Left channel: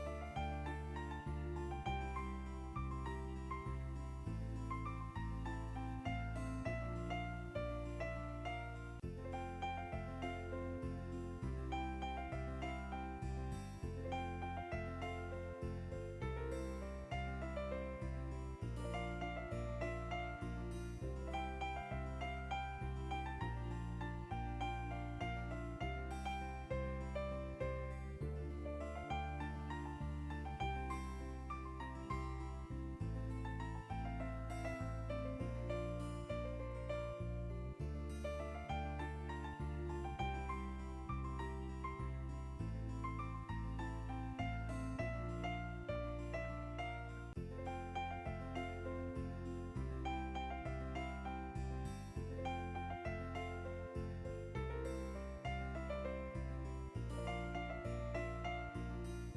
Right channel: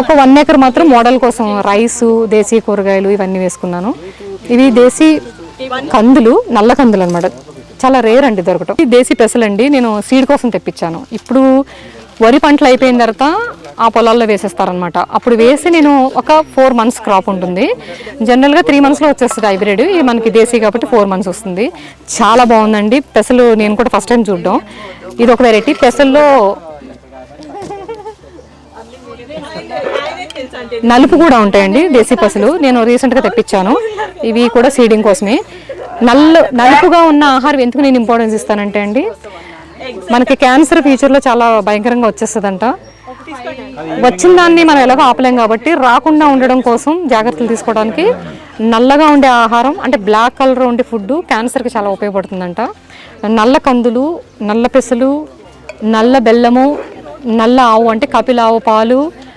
ఒక 1 ఎకర్ మాత్రం మోడల్ కోసం రైసు, దేశీ కూరగాయలు ఇవన్నీ వేసుకున్నాను. ఇవి దేశీ కందులు, నల్ల కందులు అనమాట. చాలా రేర్ అండి దొరకటం. ఈ దేశీ పెసలండి నేను సీడ్ కోసం తెప్పించాను. ఇప్పుడు వరి పంటలు అయిపోయిన తర్వాత ఆ పొలాల్లో వేసేస్తారనమాట. అప్పుడు వేసి నేను ఒక 4 months క్రాప్ ఉంటుంది. జనరల్గా 3 monthsలో వచ్చేస్తుంది హైబ్రిడ్. ఇది మనకి దేశీ కాబట్టి 4 months వస్తుంది. చాలా బాగుందండి పెసలు. నేను కూడా ఫస్ట్ టైం చూడడం. ఇది ఒక వెరైటీ. పెసల్లో నలుపు కూడా ఉంటాయండి దేశీ పసులు. నేను రీసెంట్గా తెప్పించాను. ఇవి కూడా సీడింగ్ కోసమే. నలుపుగా ఉన్న ఆహారం ఎందుకు నేను ఇంపార్టెన్స్ ఇస్తానంటే అండి, మనకి క్యాన్సర్ ఫ్యూచర్లో చాలా భయంకరంగా వచ్చేస్తుందంట. వచ్చిన దాన్ని మనం ఎలాగో ఆపలేం కాబట్టి రాకుండా ఉండడం కోసం జాగ్రత్తలు తీసుకోవడానికి నల్లగా ఉండే ఆహారం అంటే బ్లాక్ కలర్ ఉండే ఫుడ్ క్యాన్సర్కి చాలా ఉపయోగపడుతుందంట. నల్ల కందులు, నల్ల పెసలు, నల్ల బెల్లము, నల్ల ఆవు అంటే కపిల ఆవు పాలు,